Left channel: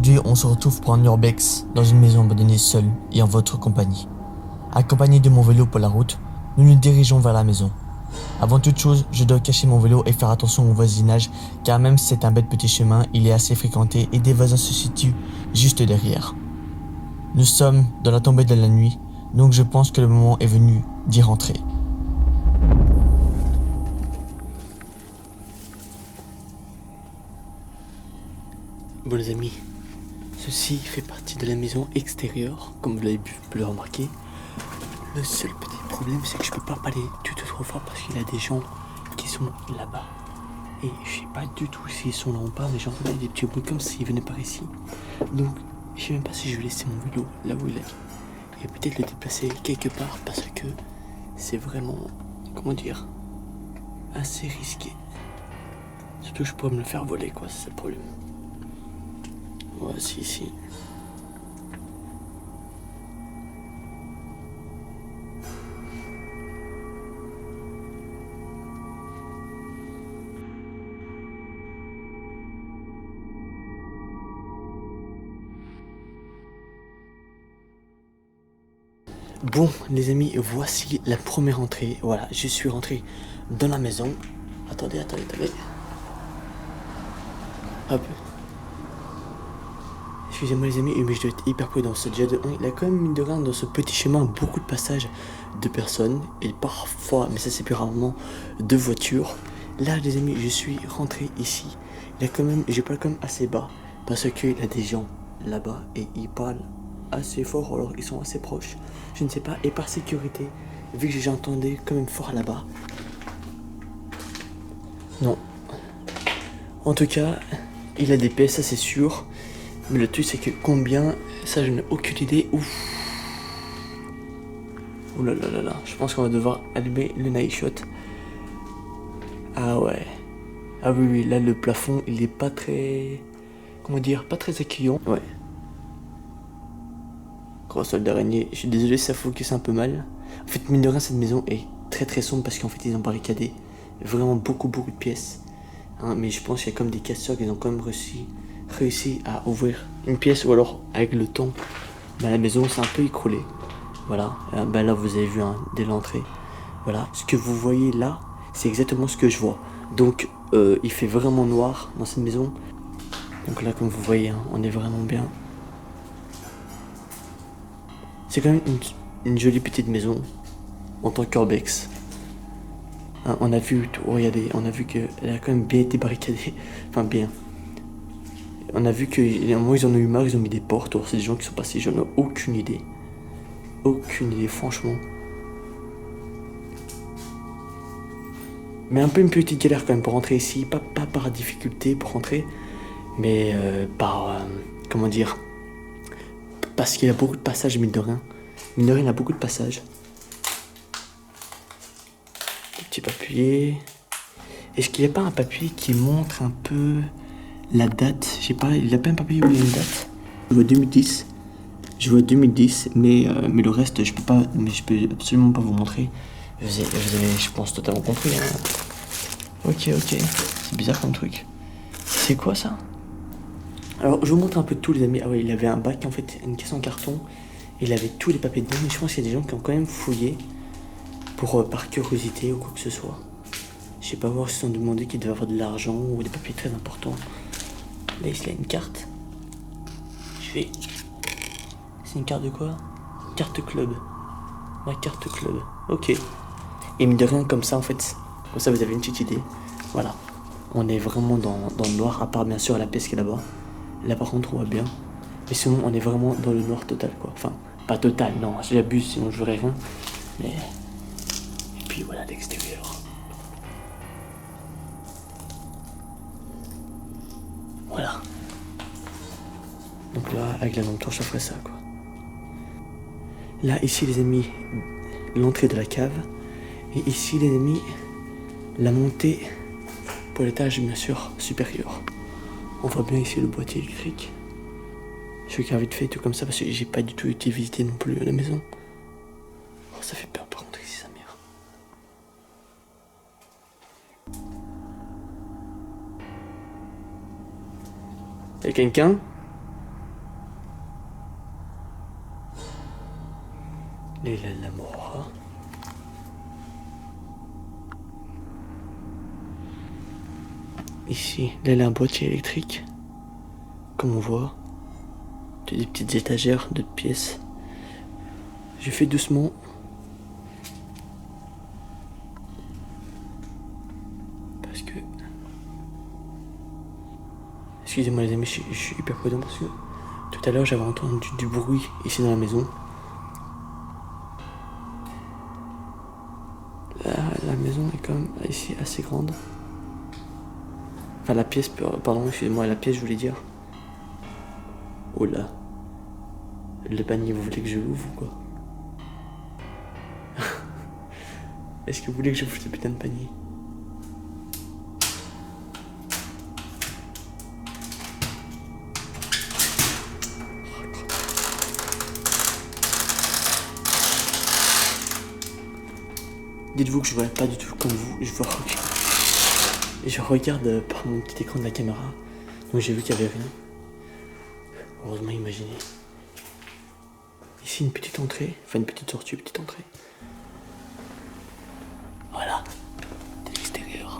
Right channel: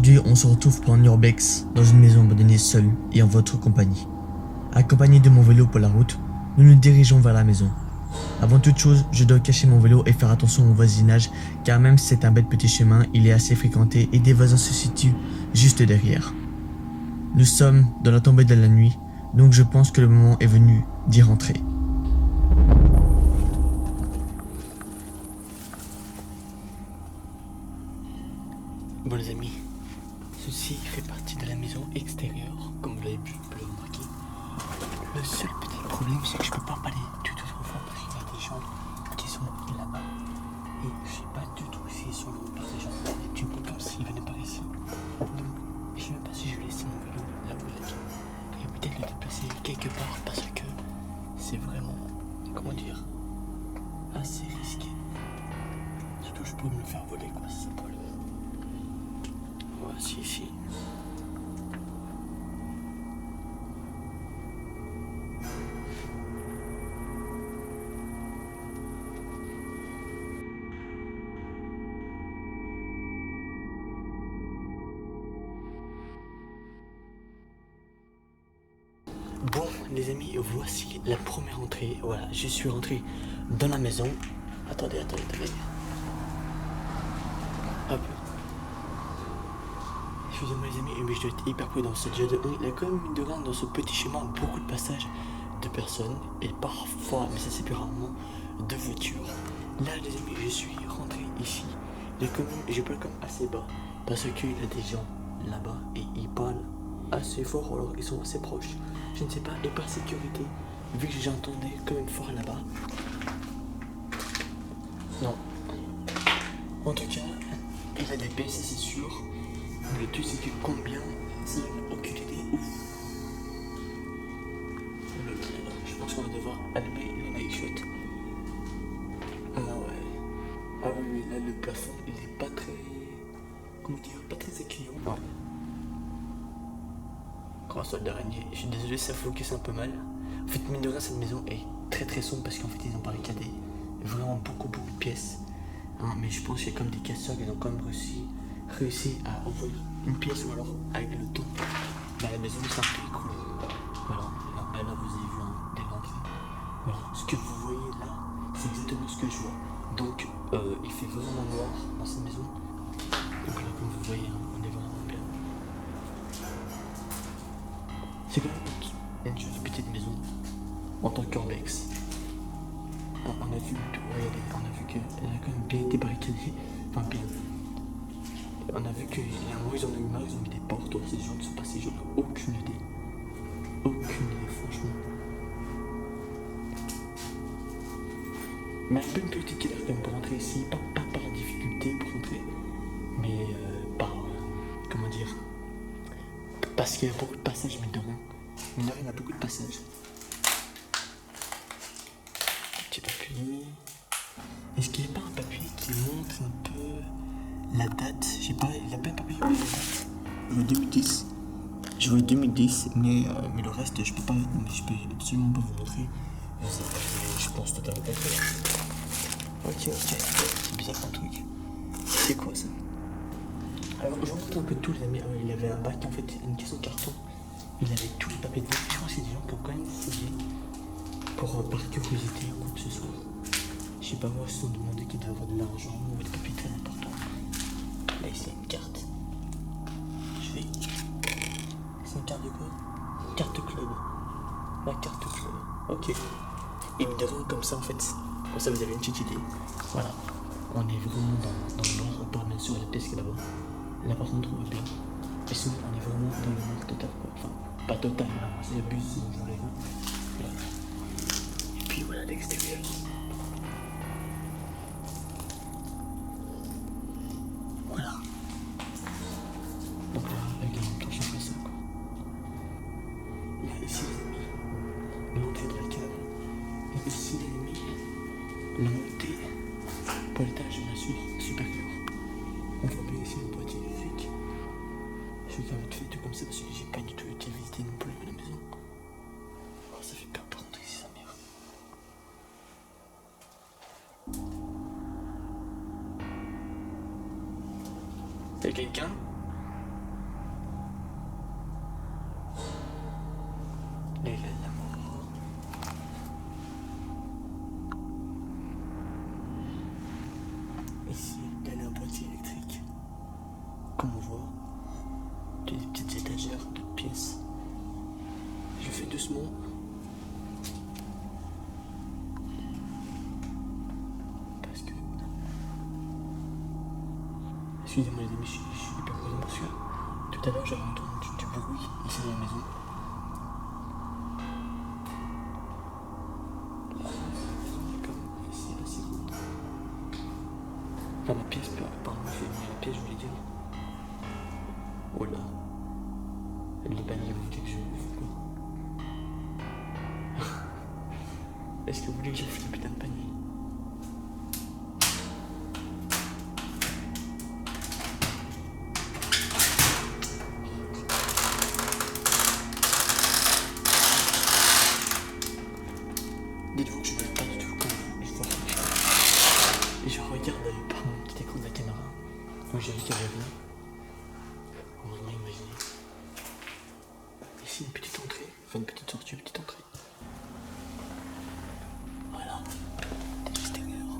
Aujourd'hui, on se retrouve pour un urbex dans une maison abandonnée seule et en votre compagnie. Accompagné de mon vélo pour la route, nous nous dirigeons vers la maison. Avant toute chose, je dois cacher mon vélo et faire attention au voisinage car même si c'est un bête petit chemin, il est assez fréquenté et des voisins se situent juste derrière. Nous sommes dans la tombée de la nuit, donc je pense que le moment est venu d'y rentrer. Bon les amis, ceci fait partie de la maison extérieure, comme vous l'avez pu le remarquer. Le seul petit problème c'est que je peux pas parler du tout trop fort parce qu'il y a des gens qui sont là-bas. Et je sais pas du tout s'ils sont là ou pas, mais j'entends des petits bruits comme s'ils venaient par ici. Donc je sais même pas si je vais laisser mon vélo là où il est. Et peut-être le déplacer quelque part parce que c'est vraiment, comment dire, assez risqué. Surtout je pourrais me le faire voler quoi, c'est ça le problème. Ouais, si. Bon, les amis, voici la première entrée. Voilà, je suis rentré dans la maison. Attendez. Hop. Excusez-moi les amis, mais je dois être hyper prudent. C'est déjà de 1. Il y a quand même, mine de rien, dans ce petit chemin, beaucoup de passages de personnes. Et parfois, mais ça c'est plus rarement, de voitures. Là, les amis, je suis rentré ici. Il y a quand même, je parle quand même assez bas. Parce qu'il y a des gens là-bas et ils parlent assez fort, alors ils sont assez proches. Je ne sais pas, et par sécurité, vu que j'entendais quand même fort là-bas. Non. En tout cas, il a des pièces, ça c'est sûr. Mais le truc c'est que combien, ça je n'ai aucune idée. Ouf. Ouh là. Je pense qu'on va devoir allumer le night shot. Ah ouais. Ah oui, là le plafond il est pas très... Comment dire, pas très accueillant. Ouais. Grand sol d'araignée. Je suis désolé, ça focus un peu mal. En fait, mine de rien, cette maison est très sombre parce qu'en fait ils ont barricadé vraiment beaucoup de pièces. Hein, mais je pense qu'il y a comme des casseurs qui ont quand même réussi à ouvrir une pièce ou alors avec le temps, la maison s'est un peu écroulée. Voilà, là vous avez vu dès l'entrée. Voilà, ce que vous voyez là, c'est exactement ce que je vois. Donc il fait vraiment noir dans cette maison. Donc là comme vous voyez, on est vraiment bien. C'est quand même une jolie petite maison en tant qu'urbex. Hein, on a vu, regardez, on a vu qu'elle a quand même bien été barricadée. Enfin bien. On a vu qu'à un moment ils en ont eu marre, ils ont mis des portes. C'est des gens qui sont passés, j'en ai aucune idée. Aucune idée, franchement. Mais un peu une petite galère quand même pour rentrer ici. Pas par difficulté pour rentrer, mais comment dire, parce qu'il y a beaucoup de passages, mine de rien. Mine de rien, il y a beaucoup de passages. Des petits papiers. Est-ce qu'il n'y a pas un papier qui montre un peu la date? Je sais pas, il n'y a pas un papier où il y a une date. Je vois 2010. Mais le reste, je peux absolument pas vous montrer. Vous avez, je pense, totalement compris. Hein. Ok. C'est bizarre comme truc. C'est quoi ça? Alors, je vous montre un peu tout, les amis. Ah ouais, il avait un bac, en fait, une caisse en carton. Il avait tous les papiers dedans, mais je pense qu'il y a des gens qui ont quand même fouillé par curiosité ou quoi que ce soit. Je sais pas voir s'ils se sont demandé qu'il devait avoir de l'argent ou des papiers très importants. Là, il y a une carte. C'est une carte de quoi? Carte club. La carte club. Ok. Et mine de rien, comme ça, en fait, comme ça, vous avez une petite idée. Voilà. On est vraiment dans le noir, à part bien sûr la pièce qui est là-bas. Là, par contre, on voit bien. Mais sinon, on est vraiment dans le noir total, quoi. Enfin, pas total, non, j'abuse, sinon je verrai rien. Mais... Et puis voilà l'extérieur. Voilà. Donc là, avec la lampe torche, on ferait ça, quoi. Là, ici, les amis, l'entrée de la cave. Et ici, les amis, la montée pour l'étage, bien sûr, supérieur. On voit bien ici le boîtier électrique. Je vais vite fait tout comme ça parce que j'ai pas du tout été visiter non plus la maison. Oh, ça fait peur par contre ici, sa mère. Y'a quelqu'un? Ici, là, il y a un boîtier électrique. Comme on voit. Des petites étagères, d'autres pièces. Je fais doucement. Parce que... Excusez-moi les amis, je suis hyper prudent parce que tout à l'heure j'avais entendu du bruit ici dans la maison. La maison est quand même ici assez grande. Enfin la pièce, pardon, excusez-moi, la pièce je voulais dire. Oh là. Le panier, vous voulez que je l'ouvre ou quoi? Est-ce que vous voulez que j'ouvre ce putain de panier? Dites-vous que je ne vois pas du tout comme vous. Je regarde par mon petit écran de la caméra. Donc j'ai vu qu'il n'y avait rien. Heureusement, imaginez. Ici, une petite entrée. Enfin, une petite sortie, une petite entrée. Voilà. De l'extérieur.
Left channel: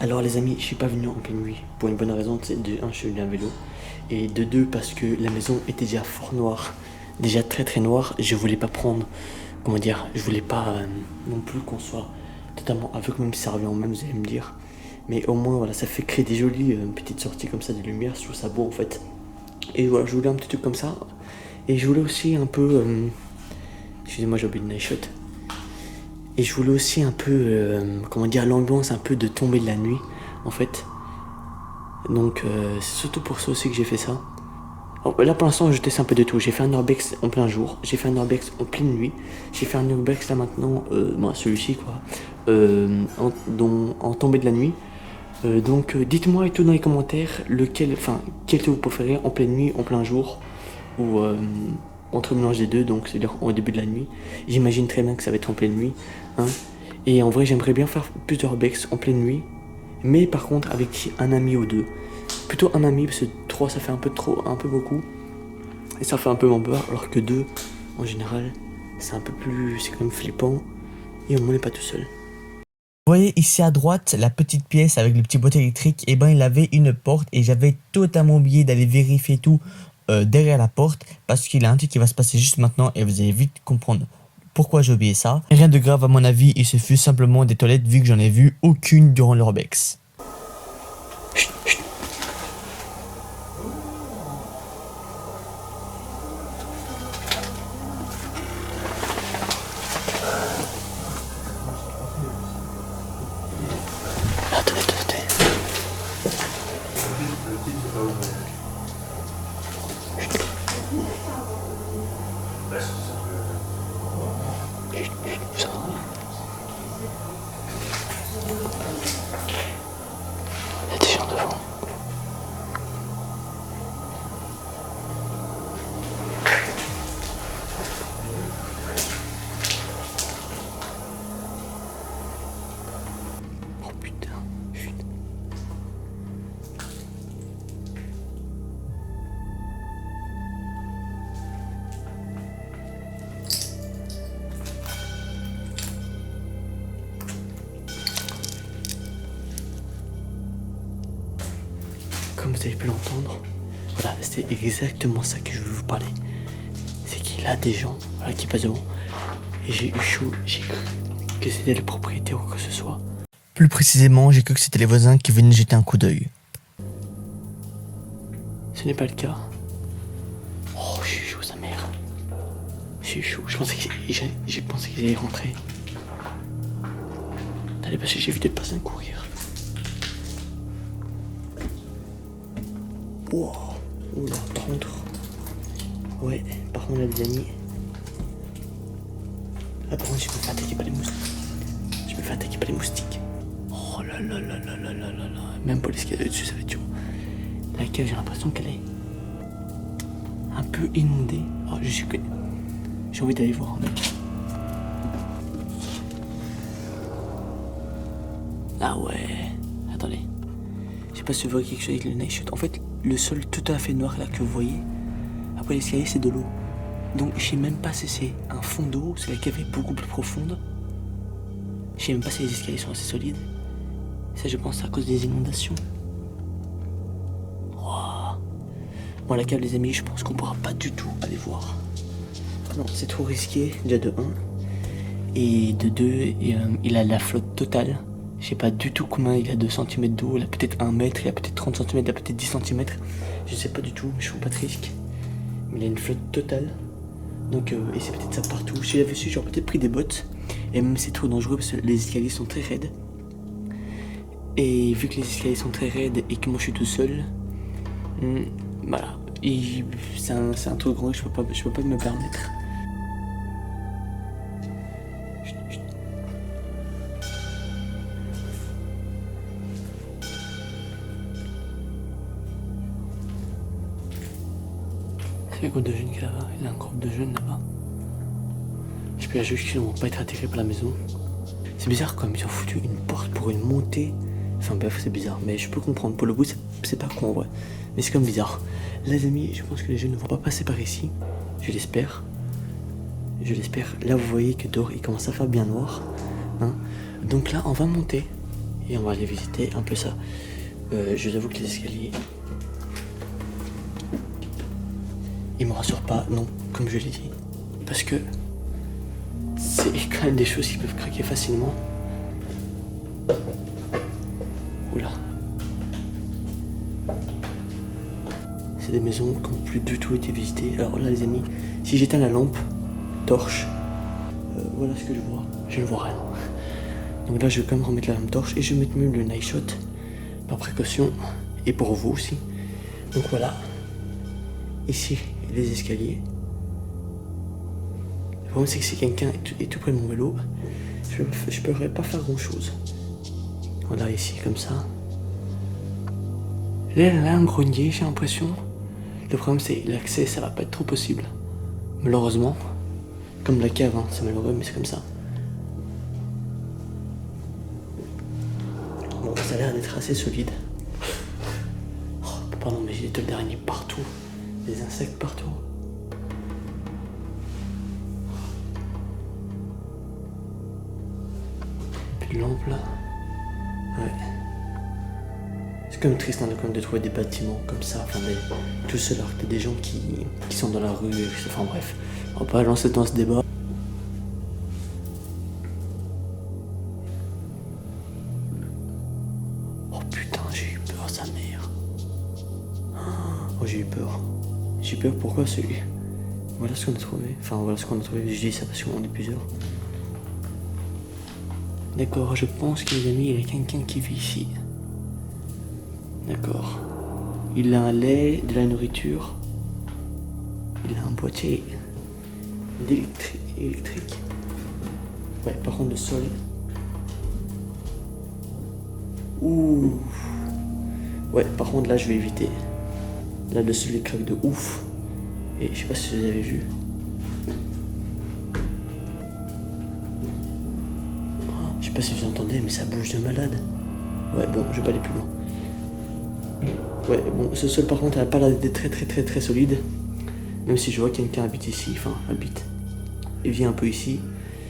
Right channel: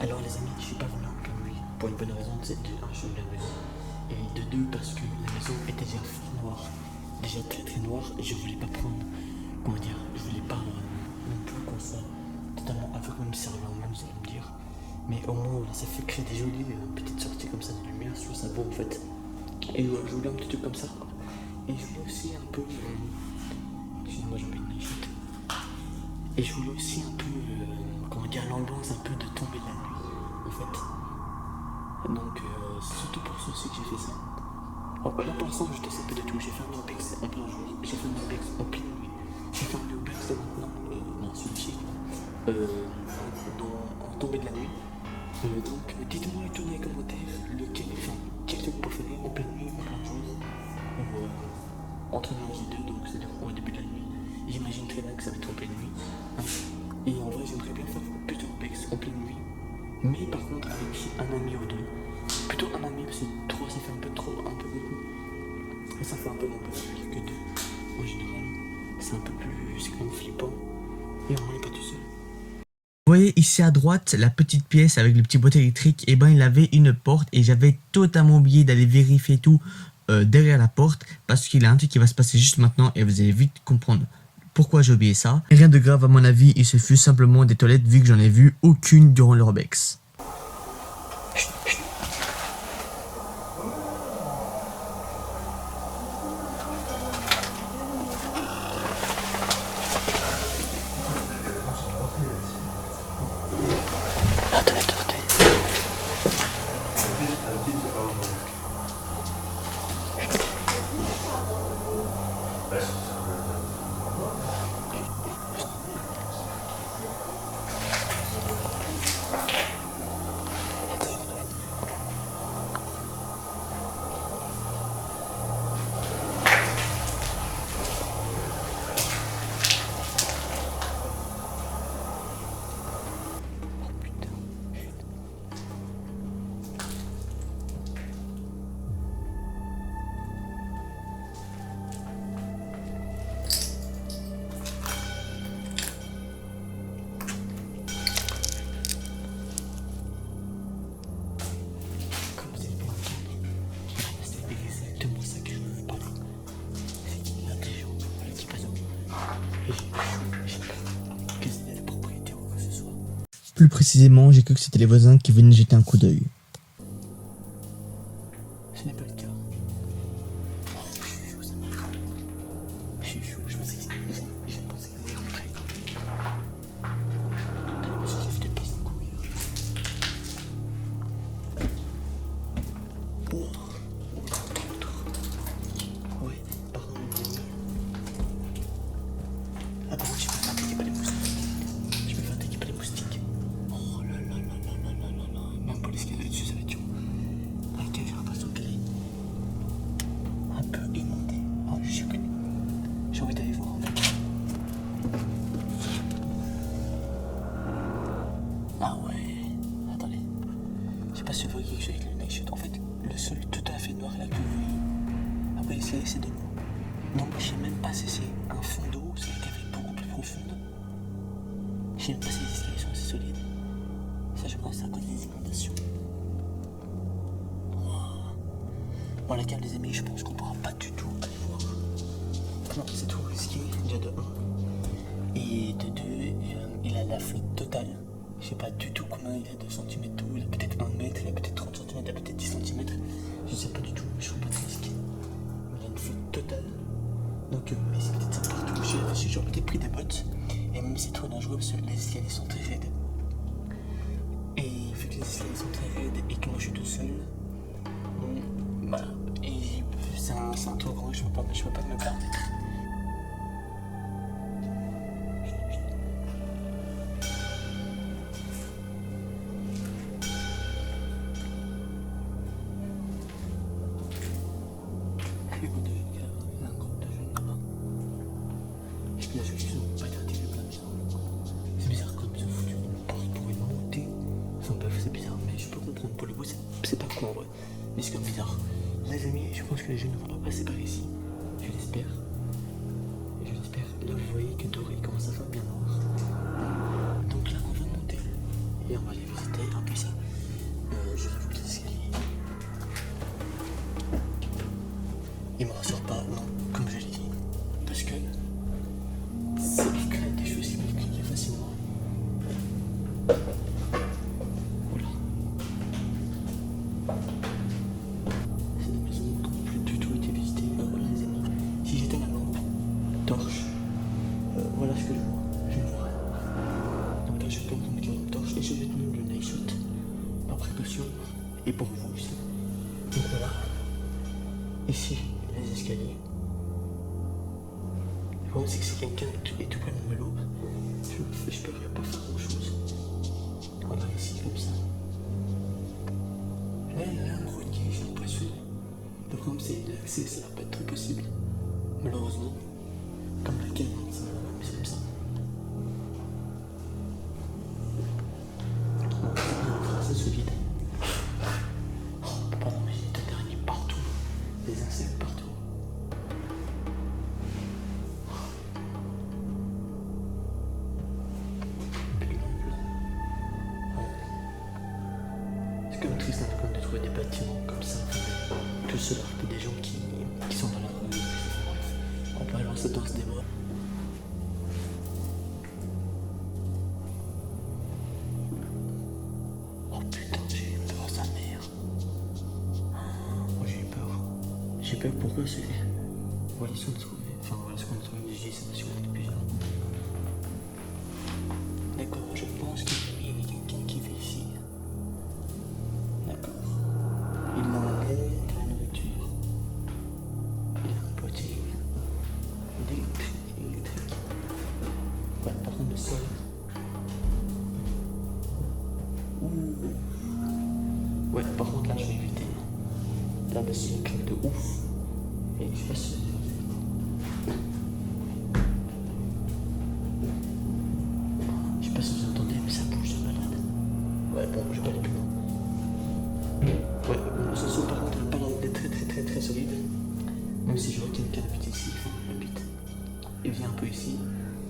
Alors les amis, je suis pas venu en pleine nuit. Pour une bonne raison, c'est de 1, je suis venu à vélo. Et de 2, parce que la maison était déjà fort noire. Déjà très très noire. Je voulais pas prendre... Comment dire? Je voulais pas non plus qu'on soit totalement aveugle, même si ça revient au même, vous allez me dire. Mais au moins, voilà, ça fait créer des jolies petites sorties comme ça de lumière. Je trouve ça beau en fait. Et voilà, je voulais un petit truc comme ça. Et je voulais aussi un peu... Excusez-moi, j'ai oublié de night shot. Et je voulais aussi un peu... comment dire, l'ambiance un peu de tomber de la nuit, en fait. Donc, c'est surtout pour ça aussi que j'ai fait ça. Alors, là, pour l'instant, je teste un peu de tout. J'ai fait un urbex en plein jour. J'ai fait un urbex en pleine nuit. J'ai fait un urbex là maintenant, celui-ci quoi, en tombée de la nuit. Donc, dites-moi et tout dans les commentaires quel que vous préférez, en pleine nuit, en plein jour, ou entre mélange des deux, donc c'est-à-dire au début de la nuit. J'imagine très bien que ça va être en pleine nuit. Hein. Et en vrai, j'aimerais bien faire plus d'urbex en pleine nuit, mais par contre avec un ami ou deux. Plutôt un ami, parce que 3 ça fait un peu trop, un peu beaucoup. Et ça fait un peu moins peur, alors que 2, en général, c'est un peu plus, c'est quand même flippant. Et au moins on n'est pas tout seul. Vous voyez ici à droite la petite pièce avec le petit boîtier électrique, et ben il avait une porte et j'avais totalement oublié d'aller vérifier tout derrière la porte parce qu'il y a un truc qui va se passer juste maintenant et vous allez vite comprendre pourquoi j'ai oublié ça. Rien de grave à mon avis, il se fut simplement des toilettes vu que j'en ai vu aucune durant l'urbex. Il y a des gens devant. Oh putain, chut. Comme vous avez pu l'entendre, voilà, c'est exactement ça que je veux vous parler. C'est qu'il y a des gens voilà, qui passent devant. Et j'ai eu chaud, j'ai cru que c'était le propriétaire ou quoi que ce soit. Plus précisément, j'ai cru que c'était les voisins qui venaient jeter un coup d'œil. Ce n'est pas le cas. Oh, je suis chaud, sa mère. J'ai eu chaud, j'ai pensé qu'ils allaient rentrer. Allez, parce que j'ai vu des personnes courir. Oh, oula, par contre. Ouais, par contre, les amis. Ah, par contre, je me fais attaquer par les moustiques. Je me fais attaquer par les moustiques. Oh là là là là là là là là. Même pour l'escalier dessus, ça va être dur. La cave, j'ai l'impression qu'elle est un peu inondée. Oh, j'ai envie d'aller voir, mec. Ah ouais. Attendez. Je sais pas si vous voyez quelque chose avec le night shoot. En fait, le sol tout à fait noir là que vous voyez. Après l'escalier, c'est de l'eau. Donc je sais même pas si c'est un fond d'eau, si la cave est beaucoup plus profonde. Je sais même pas si les escaliers sont assez solides. Ça, je pense, c'est à cause des inondations. Wow. Bon, la cave, les amis, je pense qu'on pourra pas du tout aller voir. Non, c'est trop risqué, déjà de 1. Et de 2, il a la flotte totale. Je sais pas du tout combien il a de centimètres d'eau. Il a peut-être 1 mètre, il a peut-être 30 cm, il a peut-être 10 cm. Je sais pas du tout, mais je prends pas de risque. Mais il a une flotte totale. Donc, et c'est peut-être ça partout. Si j'avais su, j'aurais peut-être pris des bottes. Et même c'est trop dangereux parce que les escaliers sont très raides. Et vu que les escaliers sont très raides et que moi je suis tout seul, voilà. C'est un truc grand que je peux pas me permettre. Il y a un groupe de jeunes qui est là-bas. Il y a un groupe de jeunes là-bas. Je peux juste qu'ils ne vont pas être atterrés par la maison. C'est bizarre comme ils ont foutu une porte pour une montée. Enfin bref, c'est bizarre. Mais je peux comprendre. Pour le bout, c'est pas con en vrai. Mais c'est comme bizarre. Les amis, je pense que les jeunes ne vont pas passer par ici. Je l'espère. Je l'espère. Là, vous voyez que dehors, il commence à faire bien noir. Hein. Donc là, on va monter. Et on va aller visiter un peu ça. Je vous avoue que les escaliers... Il me rassure pas, non, comme je l'ai dit. Parce que c'est quand même des choses qui peuvent craquer facilement. Oula. C'est des maisons qui n'ont plus du tout été visitées. Alors là les amis, si j'éteins la lampe, torche, voilà ce que je vois. Je ne vois rien. Donc là je vais quand même remettre la lampe torche et je vais mettre même le night shot par précaution et pour vous aussi. Donc voilà. Ici, les escaliers. Le problème, c'est que si quelqu'un est tout près de mon vélo, je ne pourrais pas faire grand chose. Voilà, ici, comme ça. Là, un grenier, j'ai l'impression. Le problème, c'est l'accès, ça va pas être trop possible. Malheureusement. Comme la cave, hein, c'est malheureux, mais c'est comme ça. Bon, ça a l'air d'être assez solide. Oh, pardon, mais j'ai des toiles d'araignée partout. Des insectes partout. Puis de lampe là. Ouais. C'est quand même triste hein, de trouver des bâtiments comme ça. Enfin, tout seul alors que des gens qui sont dans la rue. Enfin bref. On va pas lancer dans ce débat. Oh putain, j'ai eu peur, sa mère. Oh, j'ai eu peur. J'ai peur, pourquoi celui. Voilà ce qu'on a trouvé. Enfin, voilà ce qu'on a trouvé. Je dis ça parce qu'on est plusieurs. D'accord, je pense que les amis, il y a quelqu'un qui vit ici. D'accord. Il a un lait, de la nourriture. Il a un boîtier électrique. Ouais, par contre, le sol. Ouh. Ouais, par contre, là, je vais éviter. Là, le sol, il craque de ouf. Et je sais pas si vous avez vu. Je sais pas si vous entendez, mais ça bouge de malade. Ouais, bon, je vais pas aller plus loin. Ouais, bon, ce sol, par contre, elle a pas l'air d'être très solide. Même si je vois quelqu'un habite ici, enfin, habite. Et vient un peu ici.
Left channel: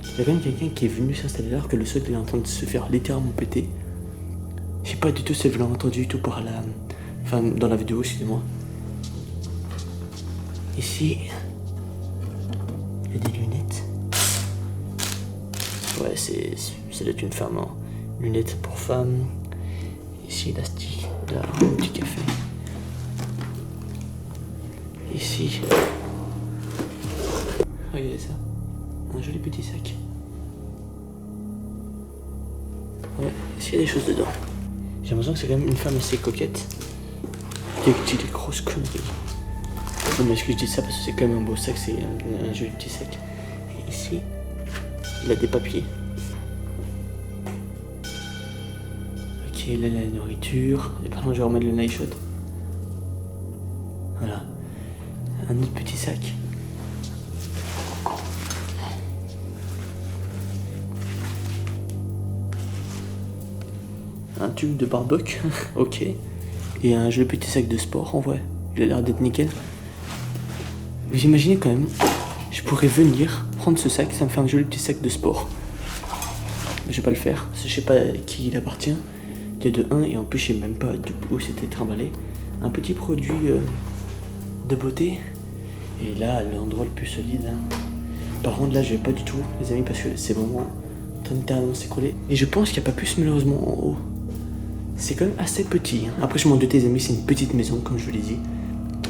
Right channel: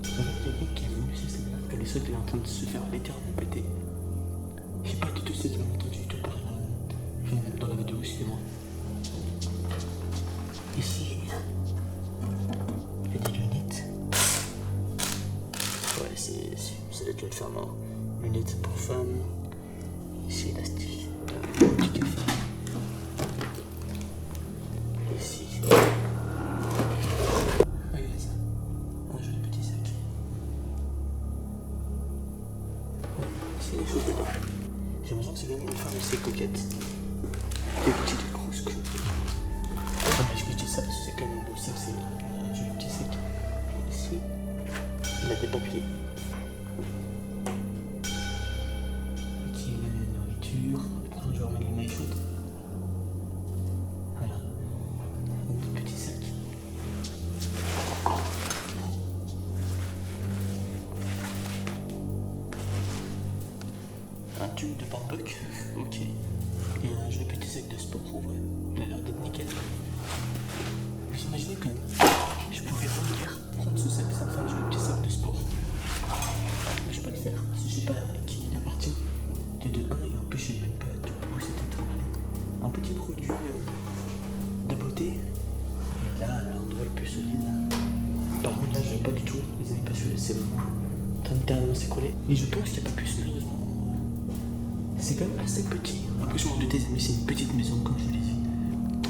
Il y a quand même quelqu'un qui est venu s'installer là, alors que le sol, il est en train de se faire littéralement péter. Je sais pas du tout si vous l'avez entendu du tout par la... Enfin, dans la vidéo, excusez-moi. Ici, il y a des lunettes. Ouais, ça doit être une ferme. Hein. Lunettes pour femmes. Ici, là, un petit café. Ici. Regardez ça. Un joli petit sac. Ouais, ici, il y a des choses dedans. J'ai l'impression que c'est quand même une femme assez coquette. Qui dit des grosses conneries. Non mais je dis ça parce que c'est quand même un beau sac, c'est un joli petit sac. Et ici, il a des papiers. Ok, là la nourriture. Et par contre, je vais remettre le night shot. Voilà. Un autre petit sac. Un tube de barbecue. Ok. Et un joli petit sac de sport en vrai. Il a l'air d'être nickel. Vous imaginez quand même, je pourrais venir prendre ce sac, ça me fait un joli petit sac de sport. je vais pas le faire. Parce que je sais pas à qui il appartient. De 1 et en plus je sais même pas où c'était trimballé. Un petit produit de beauté. Et là, l'endroit le plus solide. Par contre, là, je vais pas du tout, les amis, parce que c'est vraiment en train de littéralement s'écrouler. Et je pense qu'il n'y a pas plus, malheureusement, en haut. C'est quand même assez petit. Après, je m'en doutais, les amis, c'est une petite maison, comme je vous l'ai dit.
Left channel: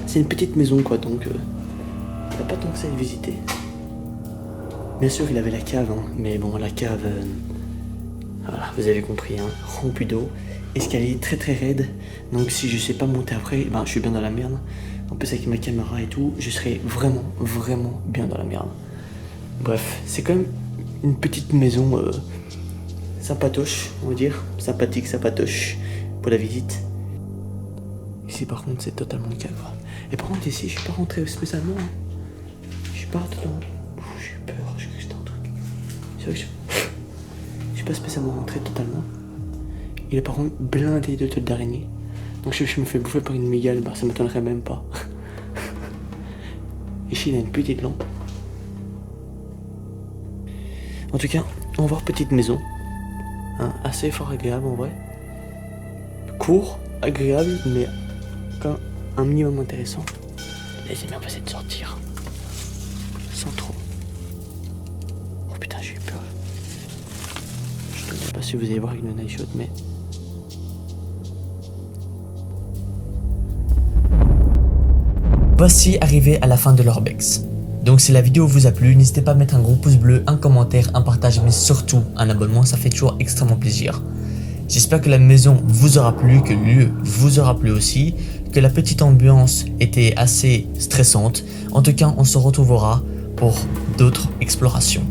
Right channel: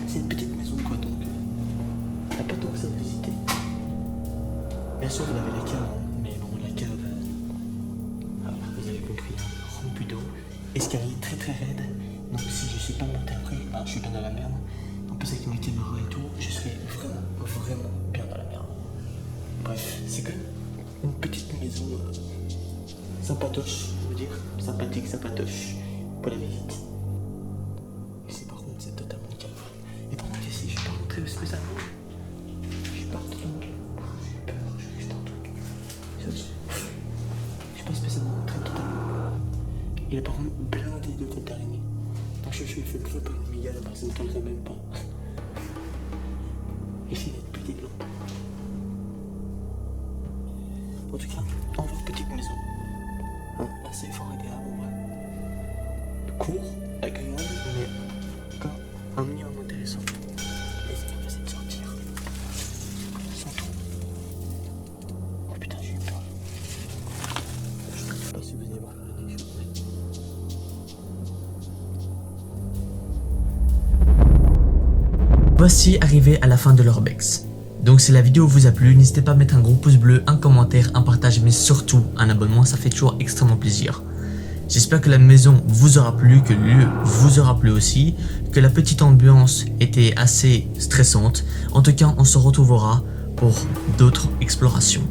C'est une petite maison, quoi, donc il n'y a pas tant que ça à visiter. Bien sûr, il avait la cave, hein, mais bon, la cave, voilà, vous avez compris, hein, remplie d'eau. Escalier très très raide, donc si je sais pas monter après, ben, je suis bien dans la merde. En plus, avec ma caméra et tout, je serais vraiment, vraiment bien dans la merde. Bref, c'est quand même une petite maison sympatoche, on va dire. Sympathique, sympatoche pour la visite. Ici, par contre, c'est totalement calme. Et par contre, ici, je suis pas rentré spécialement. Je suis pas totalement. J'ai eu peur, je crois que c'était un truc. C'est vrai que je suis pas spécialement rentré totalement. Il est par contre blindé de têtes d'araignée. Donc, je me fais bouffer par une mégale, bah, ça m'étonnerait même pas. Ici, il a une petite lampe. En tout cas, on va voir petite maison. Hein, assez fort agréable en vrai. Court, agréable, mais quand un minimum intéressant. Les amis, on va essayer de sortir. Sans trop. Oh putain, j'ai eu peur. Je ne sais pas si vous allez voir avec le night shot, mais... Voici arrivé à la fin de l'Urbex. Donc si la vidéo vous a plu, n'hésitez pas à mettre un gros pouce bleu, un commentaire, un partage, mais surtout un abonnement, ça fait toujours extrêmement plaisir. J'espère que la maison vous aura plu, que le lieu vous aura plu aussi, que la petite ambiance était assez stressante. En tout cas, on se retrouvera pour d'autres explorations.